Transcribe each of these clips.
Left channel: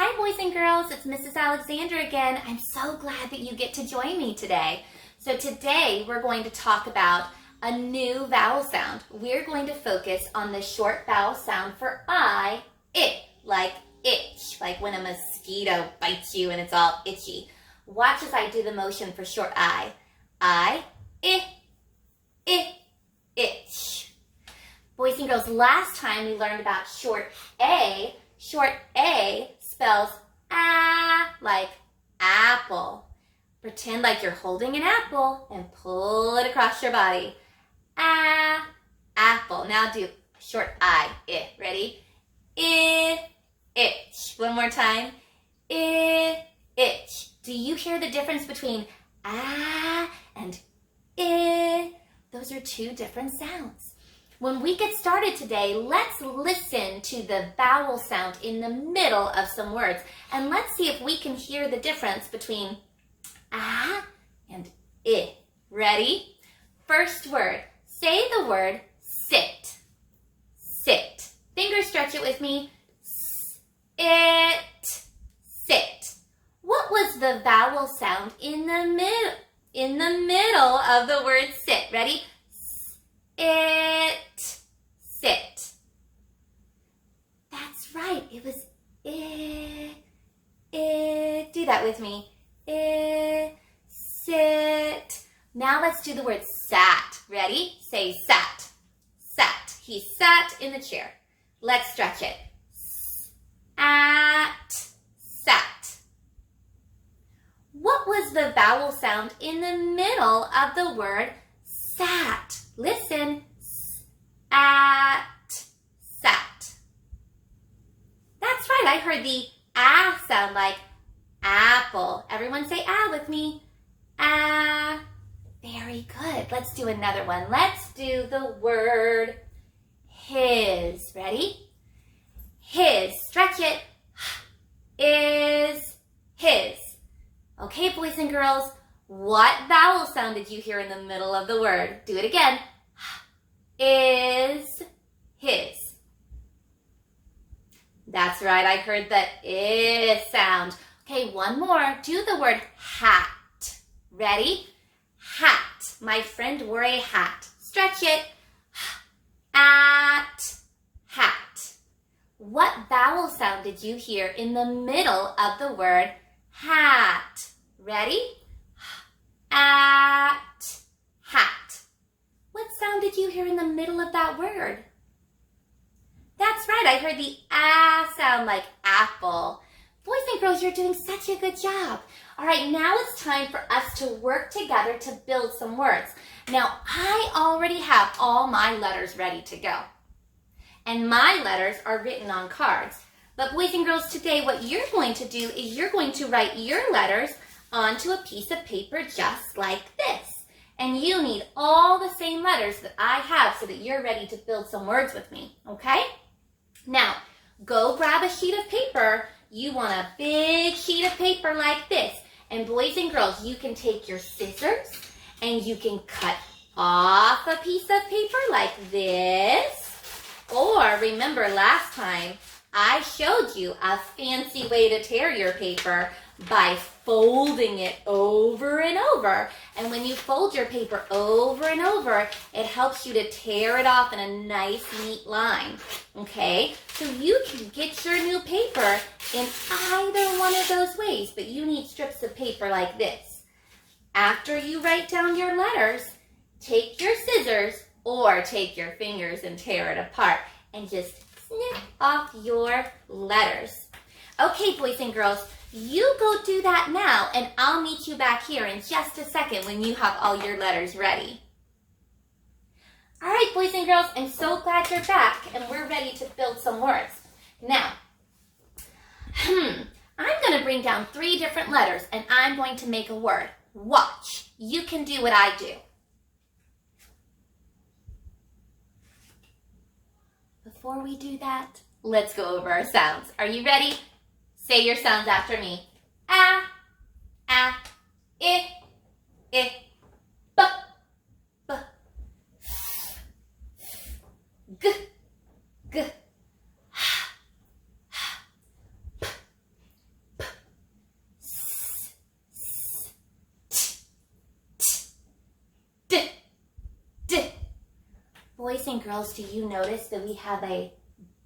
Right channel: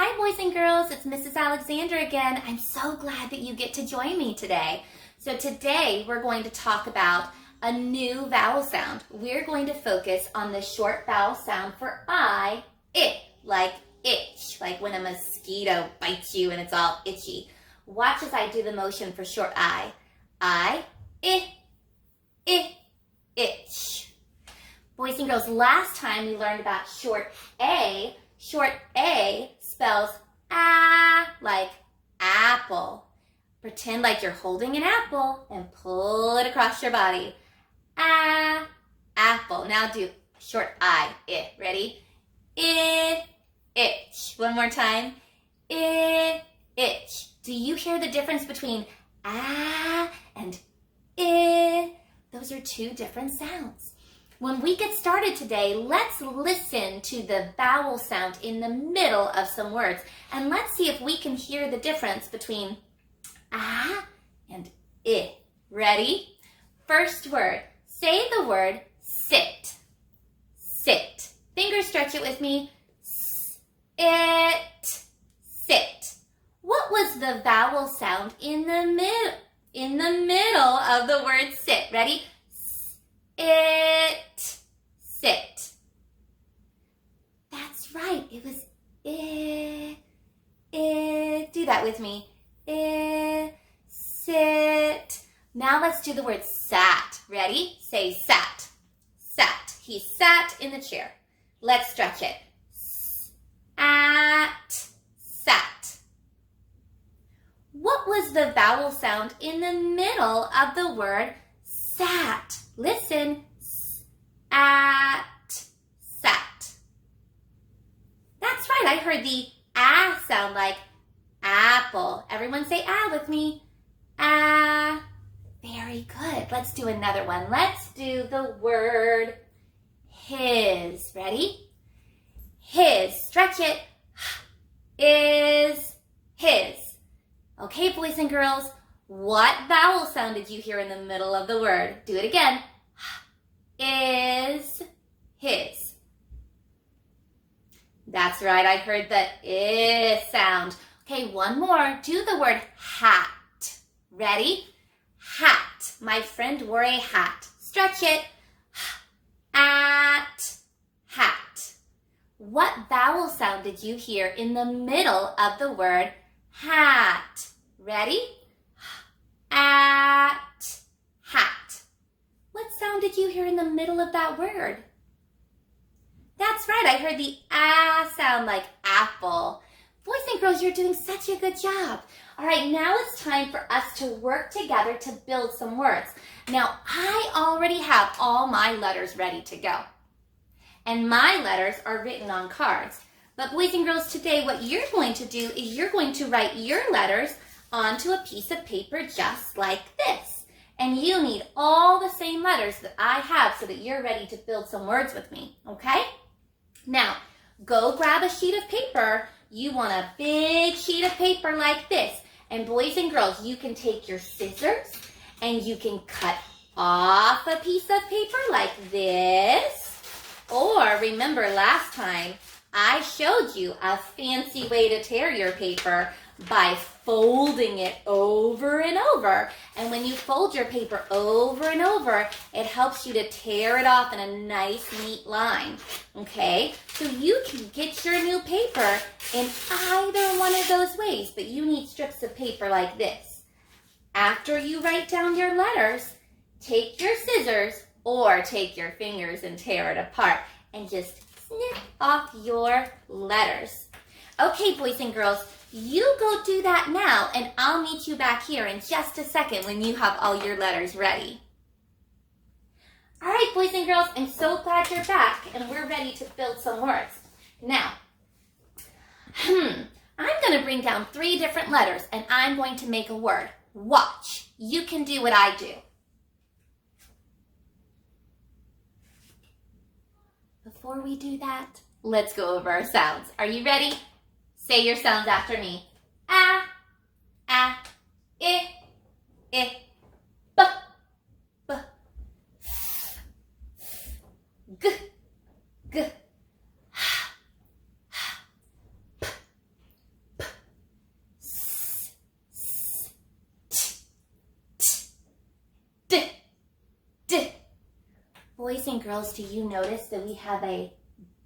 Hi boys and girls, it's Mrs. Alexandra again. I'm so glad that you get to join me today. So today we're going to talk about a new vowel sound. We're going to focus on the short vowel sound for I, it, like itch, like when a mosquito bites you and it's all itchy. Watch as I do the motion for short I, itch. Boys and girls, last time we learned about short A. Short A spells like apple. Pretend like you're holding an apple and pull it across your body. Apple. Now do short I, Ready? Itch. One more time. Itch. Do you hear the difference between and I? Those are two different sounds. When we get started today, let's listen to the vowel sound in the middle of some words, and let's see if we can hear the difference between and I. Ready? First word. Say the word sit. Sit. Finger stretch it with me. It. Sit. What was the vowel sound in the middle of the word sit? Ready? It. Sit. That's right. It was I. Do that with me. Sit. Now let's do the word sat. Ready? Say sat. Sat. He sat in the chair. Let's stretch it. Sat. What was the vowel sound in the middle of the word sat? Listen. Sat. That's right. I heard the sound like apple. Everyone say with me. Very good. Let's do another one. Let's do the word his. Ready? His. Stretch it. Is his. Okay, boys and girls, what vowel sound did you hear in the middle of the word? Do it again. Is his. That's right, I heard the I sound. Okay, one more. Do the word hat. Ready? Hat. My friend wore a hat. Stretch it. Hat. What vowel sound did you hear in the middle of the word hat? Ready? Hat. What sound did you hear in the middle of that word? That's right, I heard the sound like apple. Boys and girls, you're doing such a good job. All right, now it's time for us to work together to build some words. Now, I already have all my letters ready to go. And my letters are written on cards. But boys and girls, today what you're going to do is you're going to write your letters onto a piece of paper just like this. And you need all the same letters that I have so that you're ready to build some words with me, okay? Now, go grab a sheet of paper. You want a big sheet of paper like this. And boys and girls, you can take your scissors and you can cut off a piece of paper like this. Or remember last time, I showed you a fancy way to tear your paper by folding it over and over. And when you fold your paper over and over, it helps you to tear it off in a nice, neat line. Okay? So you can get your new paper in either one of those ways, but you need strips of paper like this. After you write down your letters, take your scissors or take your fingers and tear it apart and just snip off your letters. Okay, boys and girls, you go do that now, and I'll meet you back here in just a second when you have all your letters ready. All right, boys and girls, I'm so glad you're back, and we're ready to build some words. Now, I'm going to bring down 3 different letters, and I'm going to make a word. Watch. You can do what I do. Before we do that, let's go over our sounds. Are you ready? Say your sounds after me. I, b, g, g, and girls, do you notice that we have a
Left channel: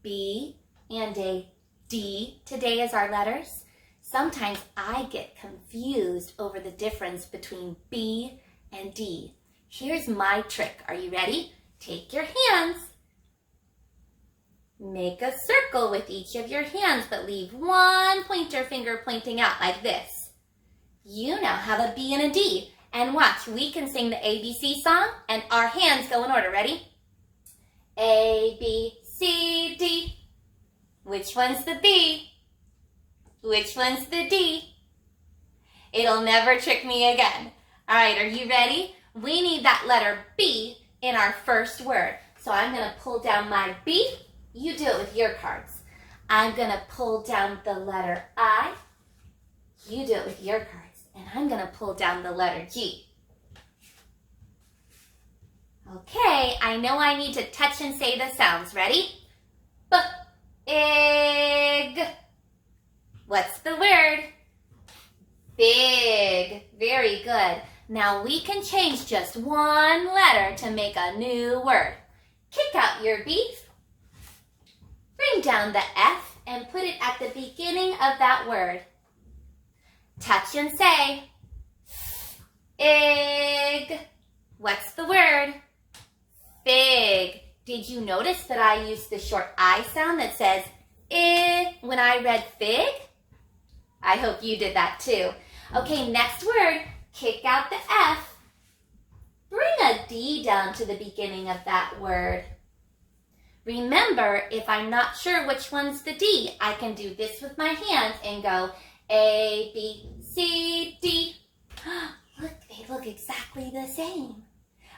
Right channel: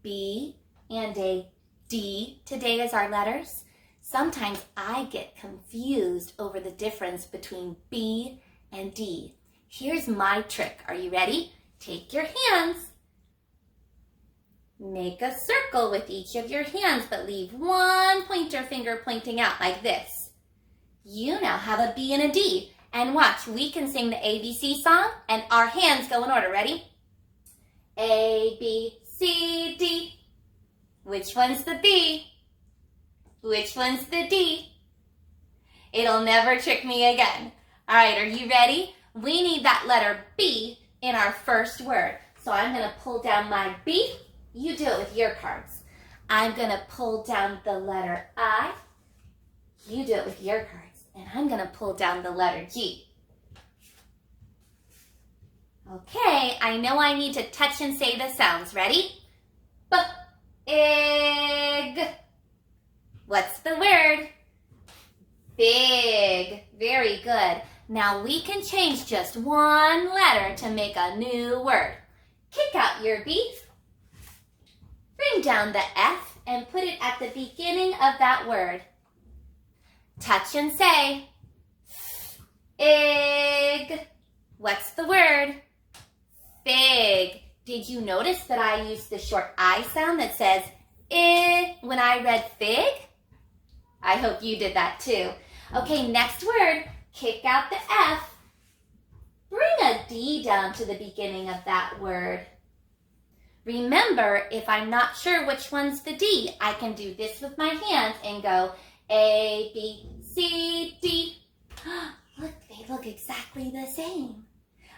B and a D today as our letters? Sometimes I get confused over the difference between B and D. Here's my trick. Are you ready? Take your hands. Make a circle with each of your hands, but leave one pointer finger pointing out like this. You now have a B and a D. And watch, we can sing the ABC song and our hands go in order. Ready? A, B, C, D. Which one's the B? Which one's the D? It'll never trick me again. All right, are you ready? We need that letter B in our first word. So I'm going to pull down my B. You do it with your cards. I'm going to pull down the letter I. You do it with your cards. And I'm going to pull down the letter G. Okay, I know I need to touch and say the sounds. Ready? B-ig. What's the word? Big. Very good. Now we can change just one letter to make a new word. Kick out your B. Bring down the F and put it at the beginning of that word. Touch and say, ig. What's the word? Fig. Did you notice that I used the short I sound that says I when I read fig? I hope you did that too. Okay, next word, kick out the F. Bring a D down to the beginning of that word. Remember, if I'm not sure which one's the D, I can do this with my hands and go A, B, C, D. Look, they look exactly the same.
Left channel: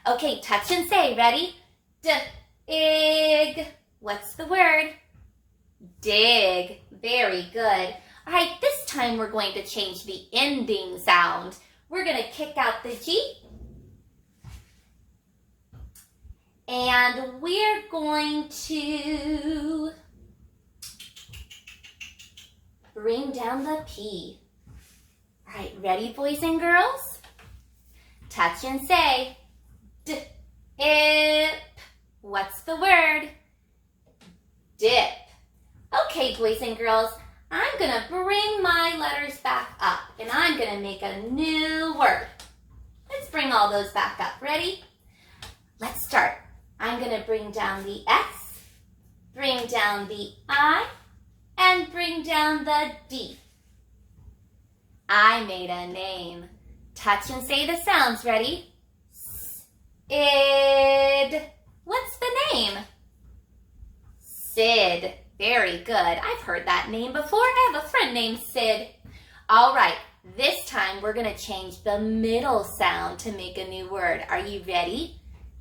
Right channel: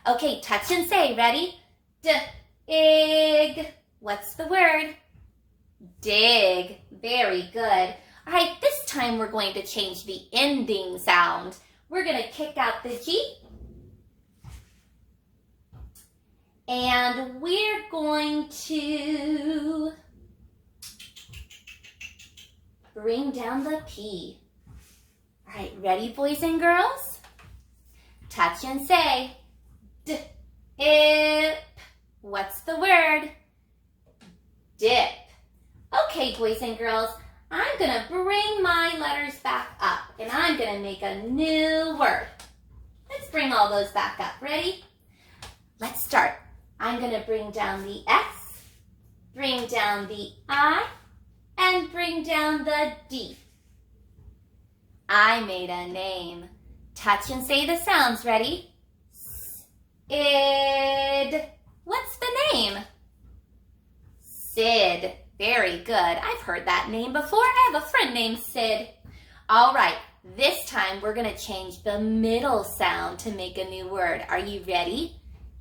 Okay, touch and say, ready? D-ig. What's the word? Dig. Very good. All right, this time we're going to change the ending sound. We're going to kick out the G. And we're going to bring down the P. All right, ready, boys and girls? Touch and say, dip. What's the word? Dip. Okay, boys and girls, I'm going to bring my letters back up, and I'm going to make a new word. Let's bring all those back up. Ready? Let's start. I'm going to bring down the S, bring down the I, and bring down the D. I made a name. Touch and say the sounds. Ready? Id. What's the name? Sid. Very good. I've heard that name before. I have a friend named Sid. All right. This time we're going to change the middle sound to make a new word. Are you ready?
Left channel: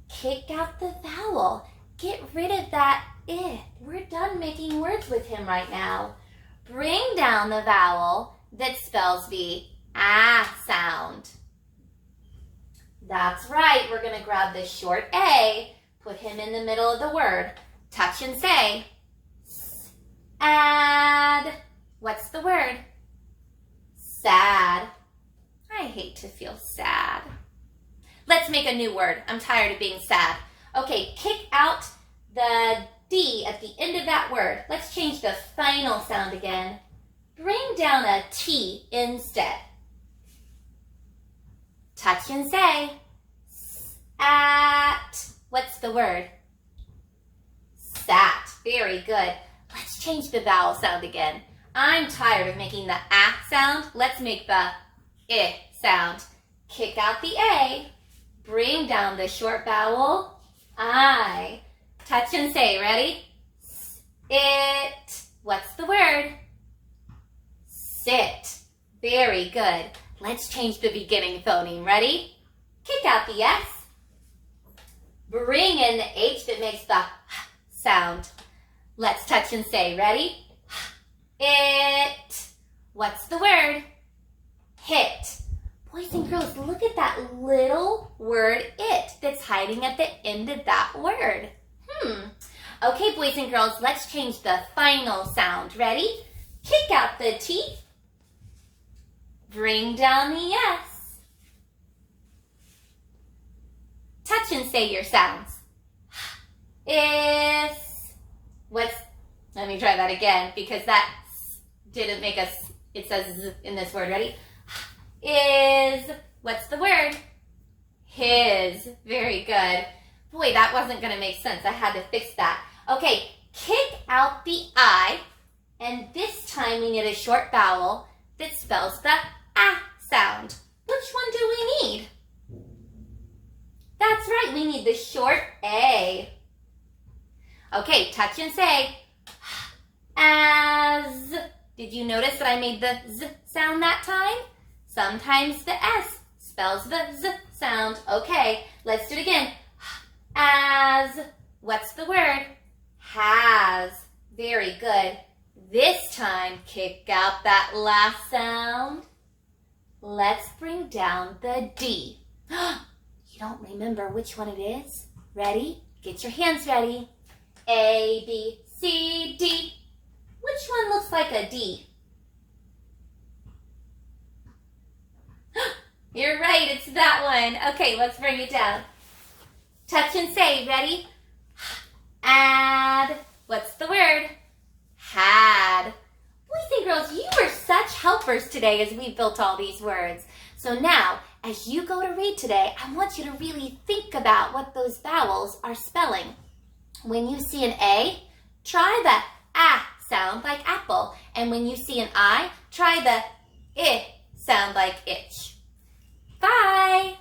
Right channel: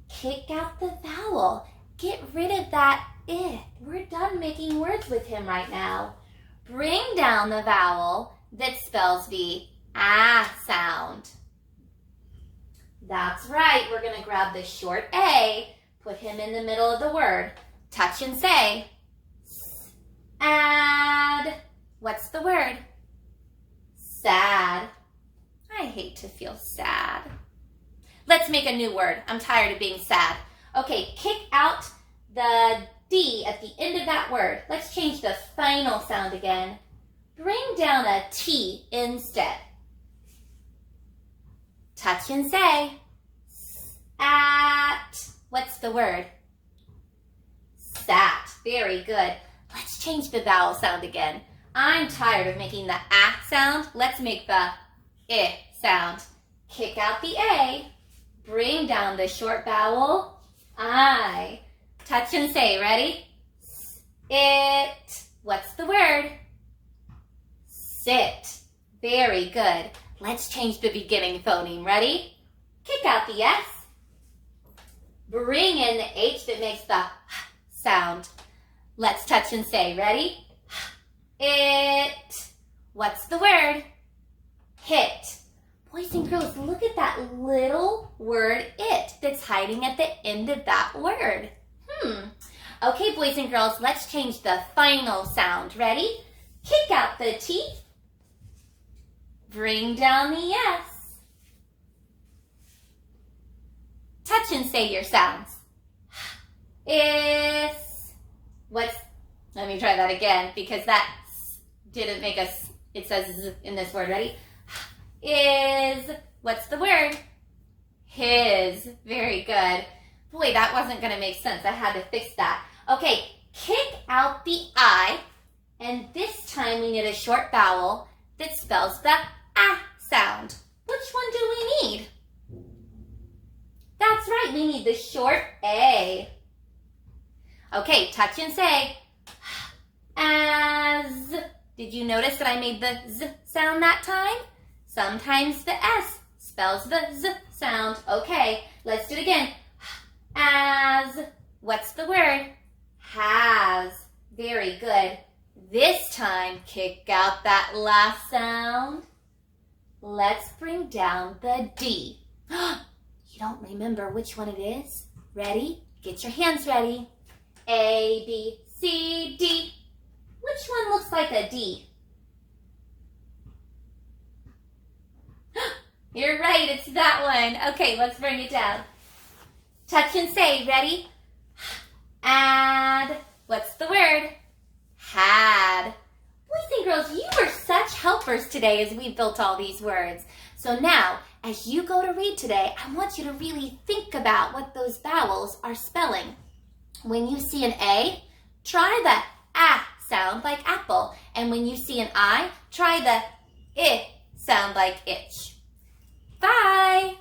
Kick out the vowel. Get rid of that I. We're done making words with him right now. Bring down the vowel that spells the ah sound. That's right. We're going to grab the short A, put him in the middle of the word. Touch and say, add. What's the word? Sad. I hate to feel sad. Let's make a new word. I'm tired of being sad. Okay, kick out the D at the end of that word. Let's change the final sound again. Bring down a T instead. Touch and say, at. What's the word? Sat. Very good. Let's change the vowel sound again. I'm tired of making the ah sound. Let's make the I sound. Kick out the A. Bring down the short vowel, I. Touch and say, ready? It. What's the word? Sit. Very good. Let's change the beginning phoneme. Ready? Kick out the S. Bring in the H that makes the sound. Let's touch and say, ready? It. What's the word? Hit. Boys and girls, look at that little word it that's hiding at the end of that word. Okay, boys and girls, let's change the final sound. Ready? Kick out the T. Bring down the S. Touch and say your sounds. Is, let me try that again because that didn't make us, it says z in this word. Ready? Is, what's the word? His. Very good. Boy, that wasn't going to make sense. I had to fix that. Okay, kick out the I, and this time we need a short vowel that spells the ah sound. Which one do we need? That's right, we need the short A. Okay, touch and say, as. Did you notice that I made the Z sound that time? Sometimes the S spells the Z sound. Okay, let's do it again. As. What's the word? Has. Very good. This time, kick out that last sound. Let's bring down the D. You don't remember which one it is? Ready? Get your hands ready. A, B, C, D. Which one looks like a D? You're right, it's that one. Okay, let's bring it down. Touch and say, ready? Add. What's the word? Had. Boys and girls, you were such helpers today as we built all these words. So now, as you go to read today, I want you to really think about what those vowels are spelling. When you see an A, try the ah sound like apple. And when you see an I, try the I sound like itch. Bye!